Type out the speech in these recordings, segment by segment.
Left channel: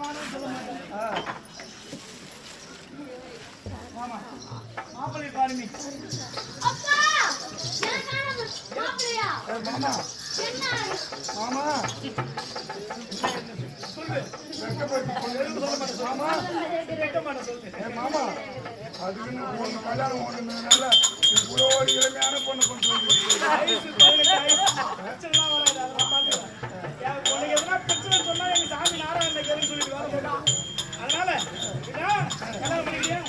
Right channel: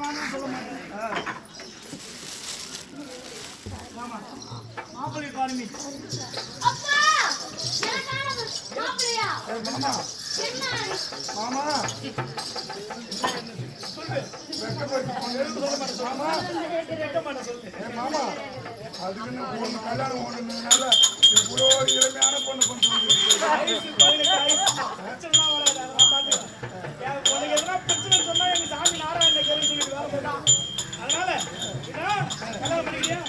மாமான்னு சொல்ல மாட்டேன். மாமா மாப்பிள்ளை பாருங்க. மாமா மாமா சொல்லு. மாமா அதுக்குன்னு பொண்ணு கல்யாணம் ஓடுனதுனால இவ்வளோ இளமையான பொண்ணு கொண்டு வந்து உனக்கு எதனா பிரச்சனை சொன்னா எங்க சாமி நாராயண கேள்வி சொல்லிட்டு வேற போட்டான். அதனால கல்யாணம் பண்ணிக்கிறியா?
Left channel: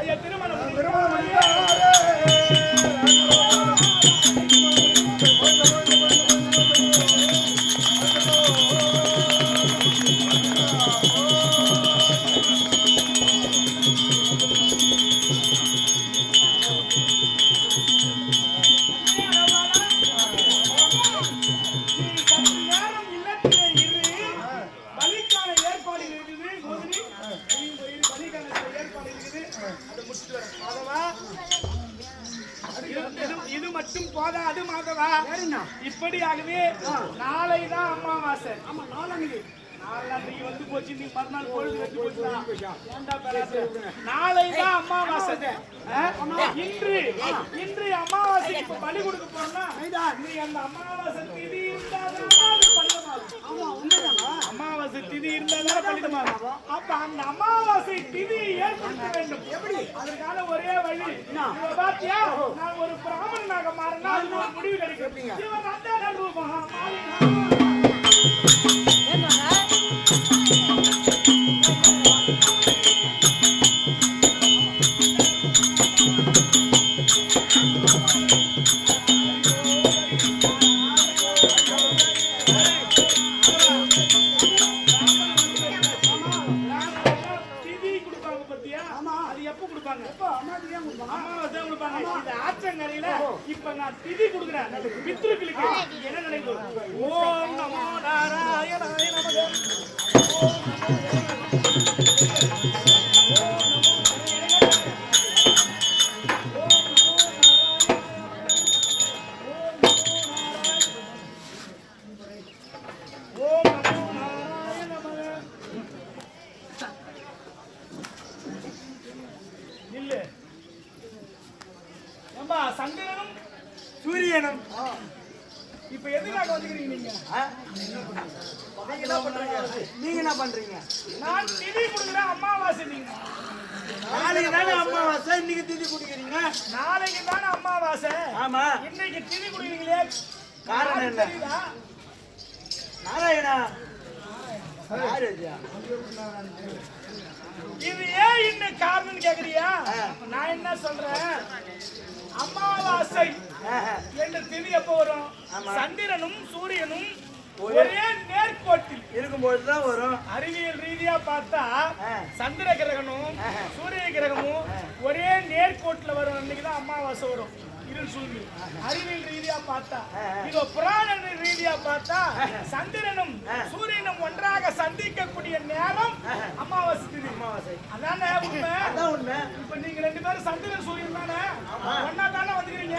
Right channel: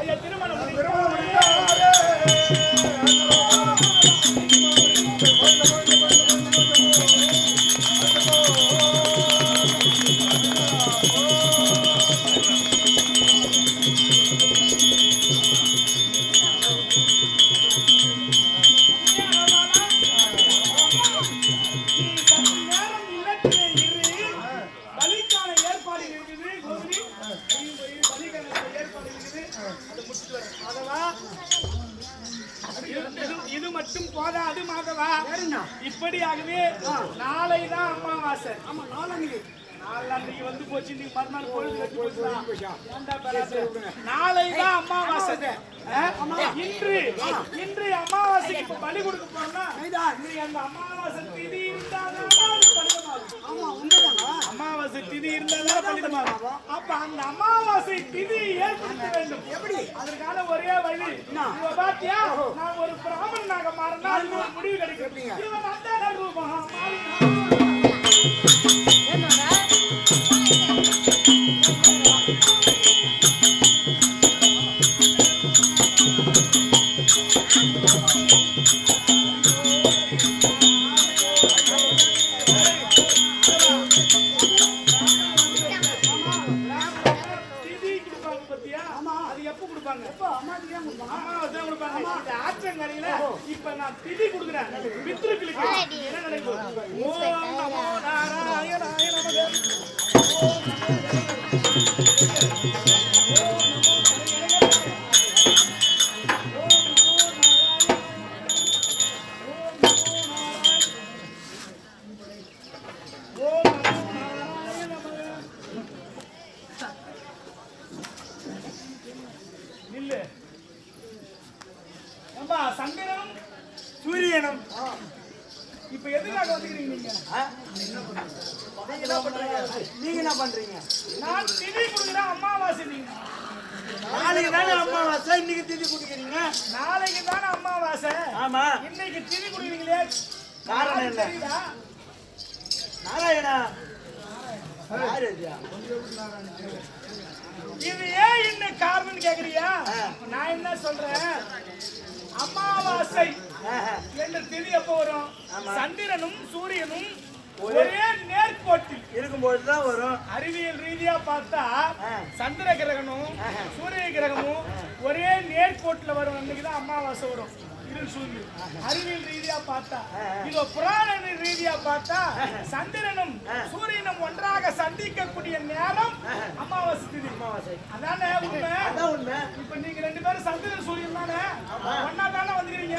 ஐயா திருமணம் பண்ணிட்டா இது மட்டும் போதாது மாதவா. இப்படியாகவே நாளைதான் அமாவாசை. ஆமா நாளைக்கு வந்து போச்சு. நீ மறுநாள் பொழுது வெட்டி போச்சுதான். நாளைதான் அமாவாசை. இன்று அமாவாசைக்கு இப்ப பலி கொடுக்க போனா நீ அந்த அமாவாசை திதி அமாவாசை திதி இருந்தாலும் பலிதமாகும். அப்ப அந்த அமாவாசை திதி ஏற்படுத்த வேண்டும். எப்படி? அதற்கான ஒரே வழி பாத்தியா, நான் ஒரு பிராமணனாக மாறினா அது ஒரு முடிவு கிடைக்கும். இவன் அந்த ரூபம் ஆற்றங்கரையில இப்ப நான் திதி கொடுக்குறேன். பித்ருக்களுக்கு என்ன நினைக்கும்? ஓம் நமோ நாராயணாய நமக. சந்திரனும் சூரியனும் இப்ப எதுக்காக வந்துக்கிறீங்க? நீங்க என்ன பண்றீங்க? நான் திதி கொடுக்குறேன். அமாவாசை. நீங்க நாளைக்கு தானே அமாவாசை, இன்னைக்கு திதி குடிக்கிறீங்க. நாளைக்கு தானே அமாவாசை. ஆமா, இன்னைக்கு திதி குடிக்கிறீங்களே, காரணம் என்ன? நாராயணா இது ஏன் இன்னும் காரணம் கேக்குறியா? நான் என்ன சொல்றேன், அமாவாசை என்ற திதி எப்போ வரும்? சந்திரனும் சூரியனும் ஒரே நேர்கோட்டி இருக்கும்போதுதான் வரும். அறிவியல் ரீதியா பார்த்தா சந்திர கிரகமும் சூரிய கிரகமும் ஒரே நேர்கோட்டில் வரும். அன்னைக்குதான் அமாவாசை வரும். அறிவியல் ரீதியா பார்த்தா, இதோ புராண ரீதியா பார்த்தா சந்திரனும் சூரியனும் ஒன்றாக சந்திக்கக்கூடிய நேரம் அமாவாசை திதி. அமாவாசை அதானே உண்மை. அதான் உண்மை. இப்ப நீங்க ரெண்டு பேரும் சந்திரன் சூரியன் தானே ஒன்னா தானே வந்துக்கிறீங்க.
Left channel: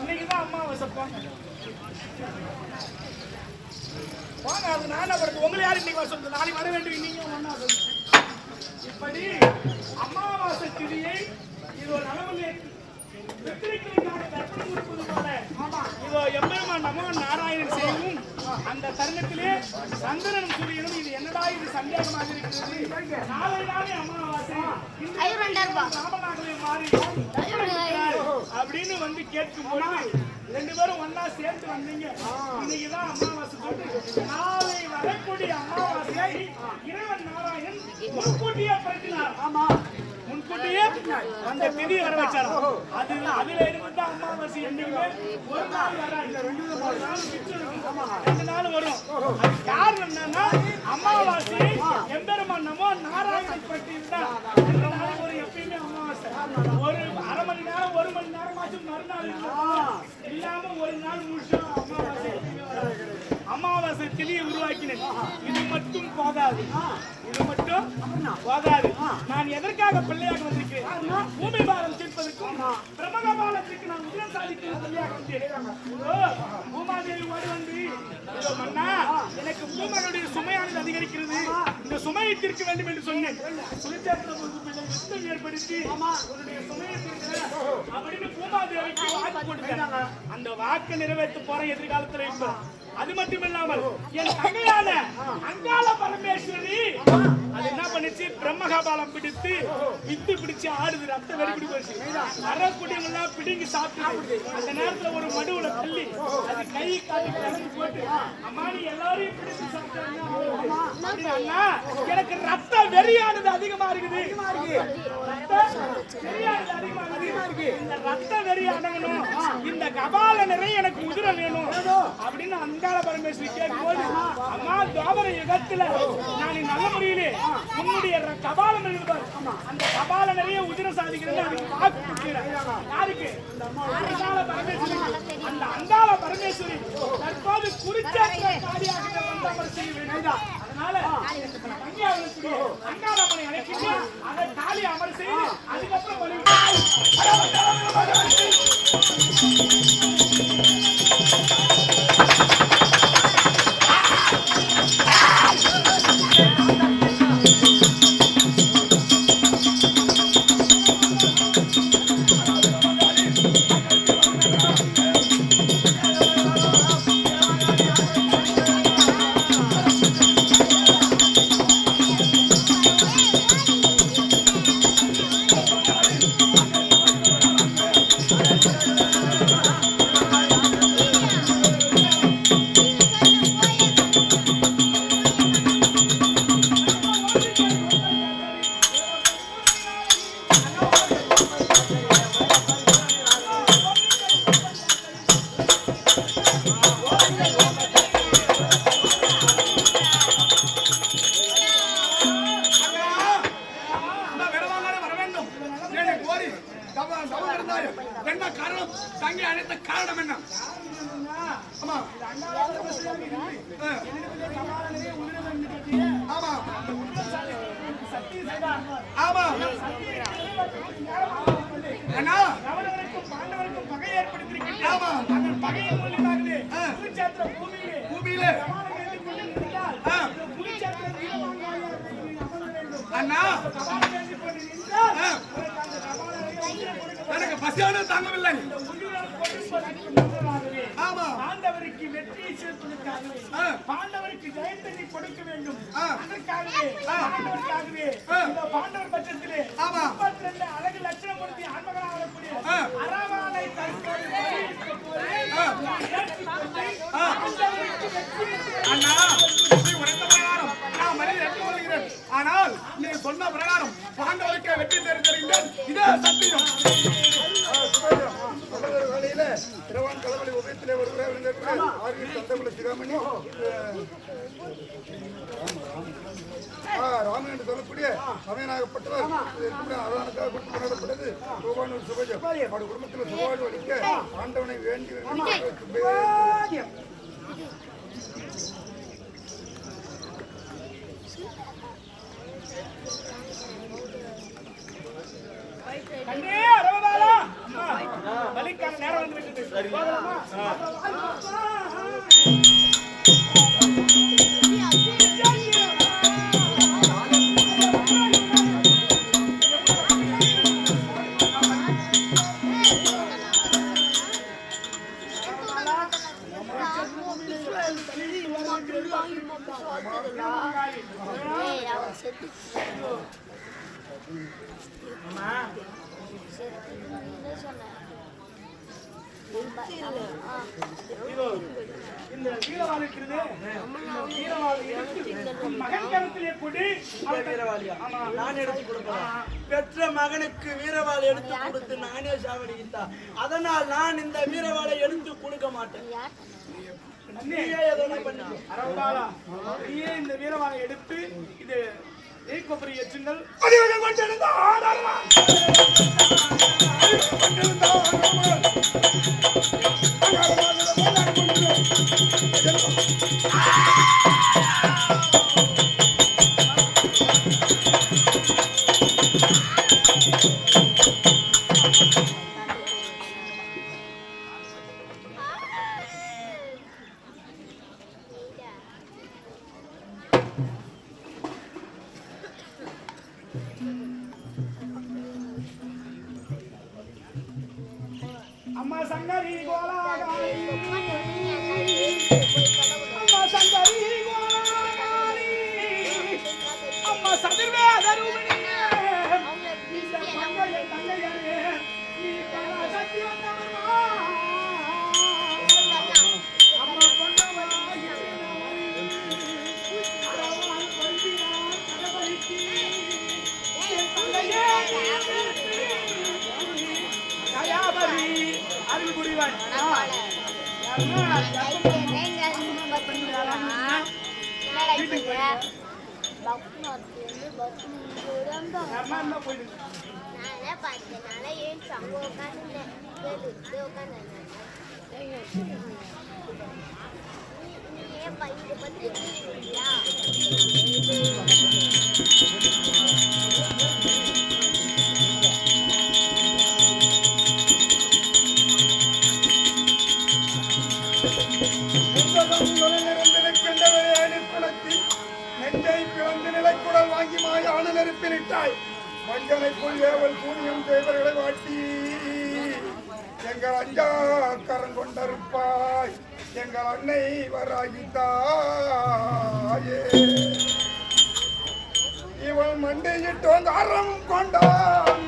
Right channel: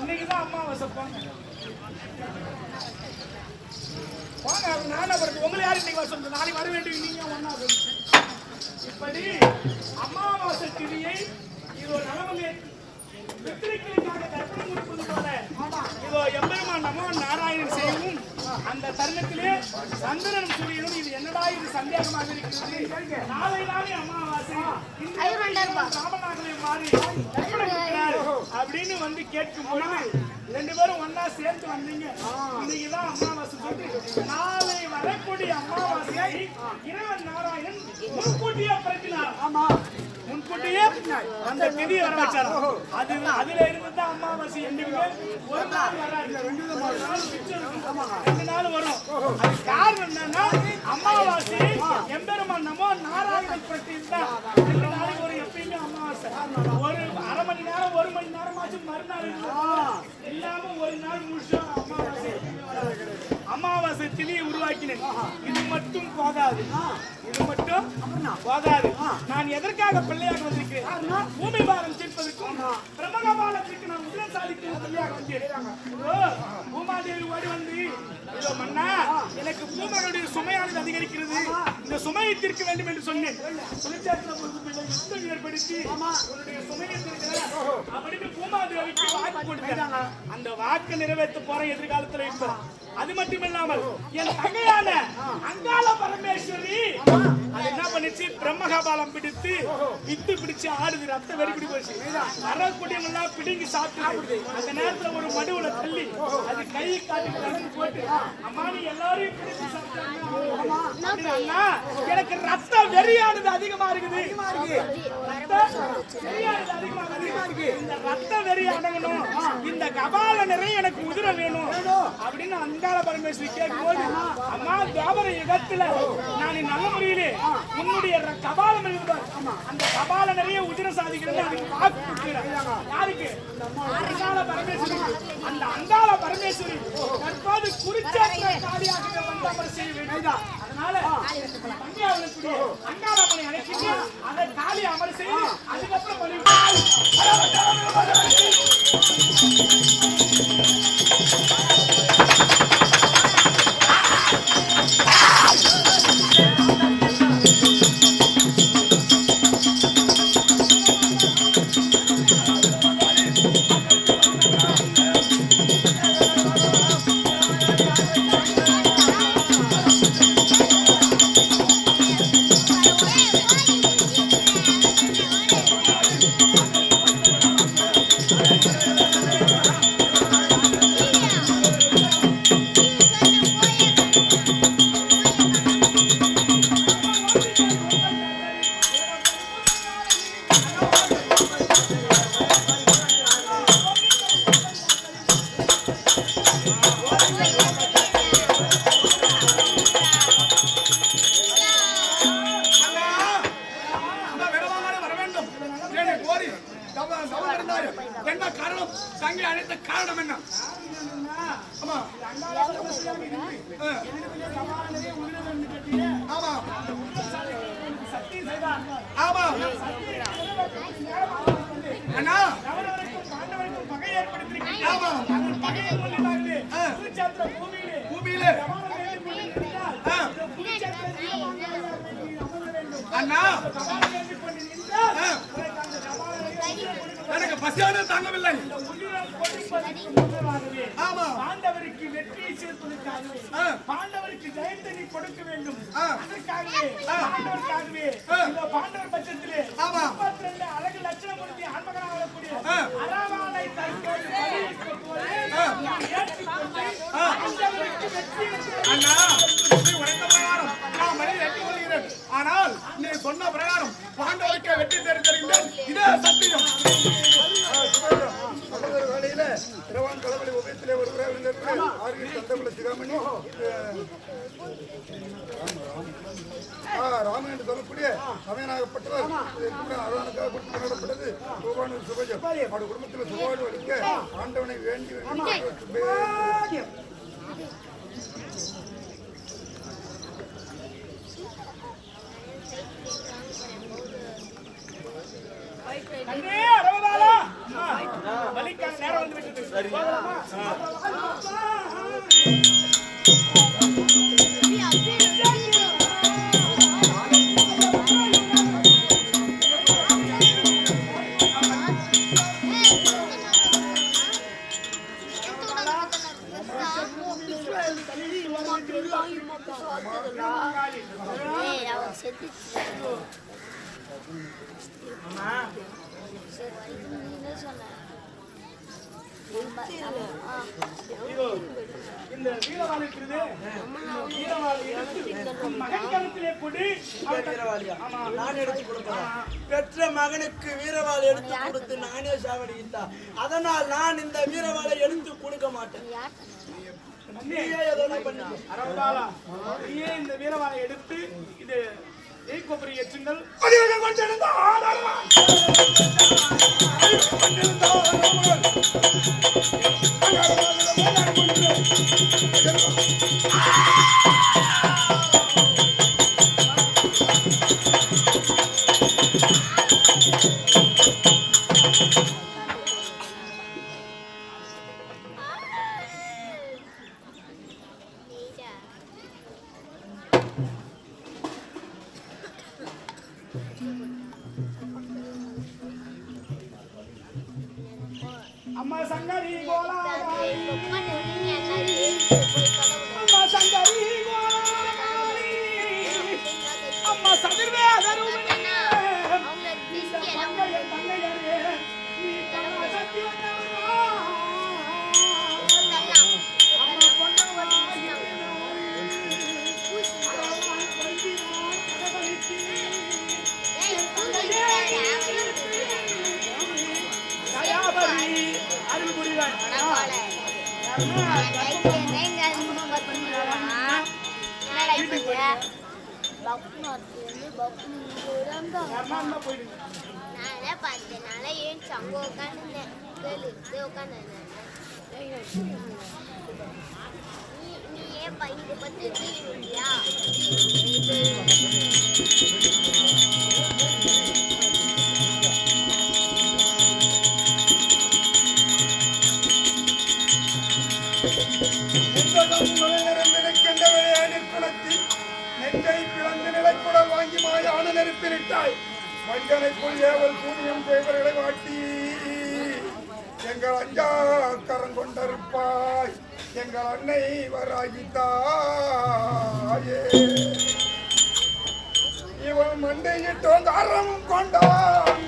இன்னைக்குதான் அமாவாசை. போங்க போங்க. அது நானே படுத்து உங்களை யாரும் இன்னைக்கு வர சொல்லுங்க. நாளைக்கு வர வேண்டிய நீங்க ஒன்னா. இப்படி அமாவாசை திதியை இதோ நலமலை பித்ருக்களுக்காக தர்ப்பணம் கொடுப்பது போல இதோ எம்பெருமான் நமோ நாராயணன் செய்யவும் அந்த தருணத்திலே சந்திரனும் சூரியனும் இது என்னடா இது சந்தேகமாக இருக்கிறது. நாளை நாளே அமாவாசை ராமநாதனை மாறி அப்படின்னு வந்து கேட்கும் பொழுது ரெண்டு பேரும் ஒன்னா சேர்த்து வந்தீங்க. இன்னைக்குதான் அமாவாசை போட்டு நாளை வரக்கூடிய அமாவாசையை இறைவன் நாராயணன் முன்கூட்டியே பிறப்பினார். ஆமா, முன்கூட்டியே அந்த திதி வர வச்சாரா. அதுல இருந்துதான் அமாவாசை. என்னைக்குமே ஒரு நாள் வராது, 2 நாள் வரும். அது காரணம் என்னன்னா அமாவாசை எம்பெருமான் நமோ நாராயணன் பற்றியிருந்தான் 2 நாளைக்கு ஒரு எப்பயுமே அமாவாசை. ஒரு அரை மணி நேரம் 1 மணி நேரம் ஆச்சு மறுநாள் இல்லாம ஒரு நாள் முழுசா அமாவாசை அமாவாசை திதியை உருவாக்கினேன். இது மட்டும் போதாது, இது மட்டும் போதாது. நான் எதற்காக பிள்ளையாக வந்திருக்கிறேன்? பூமி பாரம் தீர்ப்பதற்கும் பிரம்மகபாலத்திற்கு நான் உதவி சாதிக்கும் பிள்ளையாக வந்திருக்கிறேன். பூமாதேவி ஓடி வந்து மன்னா பூமகளுடைய சுமையானது அதிகரிக்கிறது. இந்த சுமையை தீர்க்க வேண்டும் என்று சொன்னேன். யுத்தம் ஏற்படுத்தி உன்னுடைய சுமையை தீர்க்க அப்படின்னு பூமாதேவிக்கு வாக்கு கொடுத்தாங்க. அந்த வாக்கு நிறைவேற்ற போற எதிர்காலத்துல இப்ப அது மட்டும் இல்லாமல் என் தங்கையான அங்காள பரமேஸ்வரி அது என்ன பண்ணிச்சு, பிரம்மகபாலம் பிடித்து வித்து பிடிச்சு ஆடுது. ரத்த வெறிபிடி போச்சு. வரக்கூடியம் எல்லாம் பிடிங்கி சாப்பிடுது. அந்த நேரத்துல ஒரு மடுவுல தள்ளி அது கை காட்டி நடந்து போட்டு அம்மா நீ எல்லாரையும் பிடிச்சு சாப்பிட்டாங்கன்னா எனக்கு ரத்த வெறியானது அதிகமா இருக்குது. இந்த ரத்த வெறி அடங்கணும், இந்த கபால நிறைய எனக்கு உதிர வேணும் அப்படின்னு அங்காள பரமேஸ்வரி கேட்கும்போது அம்மா துவாபர யுகத்துல நான் நல்ல முறையிலே உன்னுடைய கபாலம் இருந்தார். அந்த கபால நிறைய உதிர சாதிக்கிறது வாக்கு கொடுக்கிறார். யாருக்கு? அங்காள பரமேஸ்வரி. அந்த அங்காள பரமேஸ்வரி தற்போது குறிச்சேற்ற காரியாக வந்தவர் செய்ய. அதனால அங்காளப்பனை அழைச்சிட்டு அதை காலி அமல் செய்து அதுக்கப்புறம் பாண்டவருக்கும் பகை ஏற்படுத்திருக்கிறது. பகையின் மூலியமாகவே குருச்சேத்திர பூமியிலே எனக்கு பசியான தாங்கவில்லை. பாண்டவருக்கு வெற்றியை சேர்ப்பதற்காகவே பாண்டவருக்கு ஜெயத்தை கொடுக்க வேண்டும். அதற்காகவே பாண்டவர் பட்சத்திலே 32 அழகு லட்சணமூர்த்தி ஆன்மகனாக வரக்கூடிய அரவானை தற்போது அண்ணா உரைத்த பிரகாரம் நான் மனிதன் ஏற்றுக்கொள்கிறேன். ஆனால் நீ சொன்ன பிரகாரம் பாண்டவருக்கு வெற்றி தெரிவித்திருக்கின்றேன். இதே சத்தியம். வேலையில இரவான் களவழி உபயத்திலே ஒருவராக ஆர்கில் தந்தகுல சிகாமணி ராமன் என்று சொல்லக்கூடிய சமயனாகப்பட்டவர் அரவனுக்காக கொடுத்து கொண்டாடப்பட்டது கோபானூர் சுபஜம். அவருடைய குடும்பத்தில் சுபாடு அளிக்க ஆண்டவனை வேண்டி பலிக்கான நேரம் வந்து விட்டது. இந்த வீரவாள் இருக்கிறது. மகன் கருத்திலே கொடி பெற்ற மகனுக்கு வீரவாள் எடுத்து கொடுத்து நானே சாவடித்தா. அதனால் நான் இந்த வீரவாளை எடுத்து கொடுக்க மாட்டேன். இந்த வீரவாளை எடுத்து இது கொப்பரி எச்சுங்கள். அம்மா சங்கரி கோலாகாரி அம்மா சங்கரி கோலாகாரி அம்மா சதிர்வேதரூபிணியே இந்த பங்கைய தங்கையரே நீ கணா சக்தி வந்தவரா அம்மா பொன்னவா அரவான் பண்டினான் கடவழிக்கு என் தங்கையே தயாபரி அருள் புரிவாய் வீட்டுக்கு போயிடுங்க போயிடுங்க நெஞ்சை பிளந்து நிலைக்குடல் வாங்கி மாயான நெருப்பிலிட்டாய் வஞ்சனைக்குள் ஏவல் கூலியம் செய்வர்களை வாட்டி எங்கள் அஞ்சா கரங்கொண்டிருப்பாய் எங்கள் அன்னை வராகித்தாயே இவன் மண்டையிட்டோங்க அறமும் கொண்டான்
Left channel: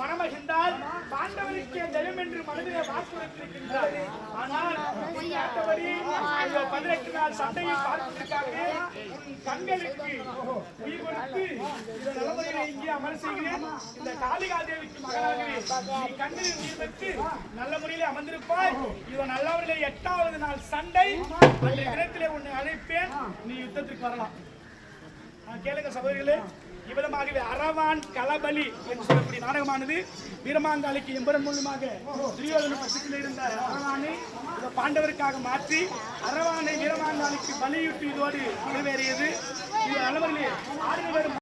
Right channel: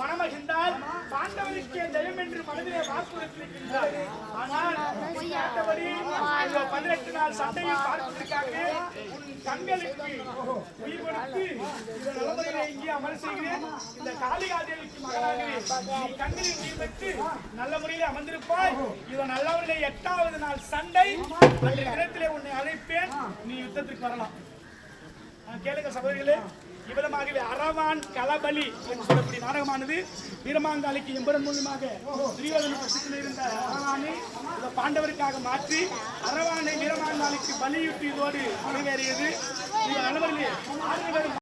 மனமகிழ்ந்தால் பாண்டவருக்கு ஜெயம் என்று மனதிலே வாக்குறுத்திருக்கின்றார். ஆனால் 18 நாள் சண்டையை பார்ப்பதற்காக உன் கண்களுக்கு உயிர் கொடுத்து இந்த நலமுறையை இங்கே அமர் செய்கிறேன். இந்த காளிகாதேவிக்கு மகனாகவே நீ கண்களில் உயிர் பெற்று நல்ல முறையிலே அமர்ந்திருப்பாய். இவன் நல்ல முறையிலே 8வது நாள் சண்டை அன்றைய தினத்திலே உன்னை அழைப்பேன். நீ யுத்தத்திற்கு வரலாம். கேளுங்க சகோதரிகளே, இவ்வளமாகவே அரவான் களபலி என்று சொல்லக்கூடிய நாடகமானது வீரமாங்காளிக்கு எம்பரன் மூலமாக துரியோதன பட்சத்தில் இருந்த அரவானை பாண்டவருக்காக மாற்றி அரவானை வீரமாங்காளிக்கு பலியிட்டு இதோடு நிறைவேறியது. இது அளவிலே 6 பேரும்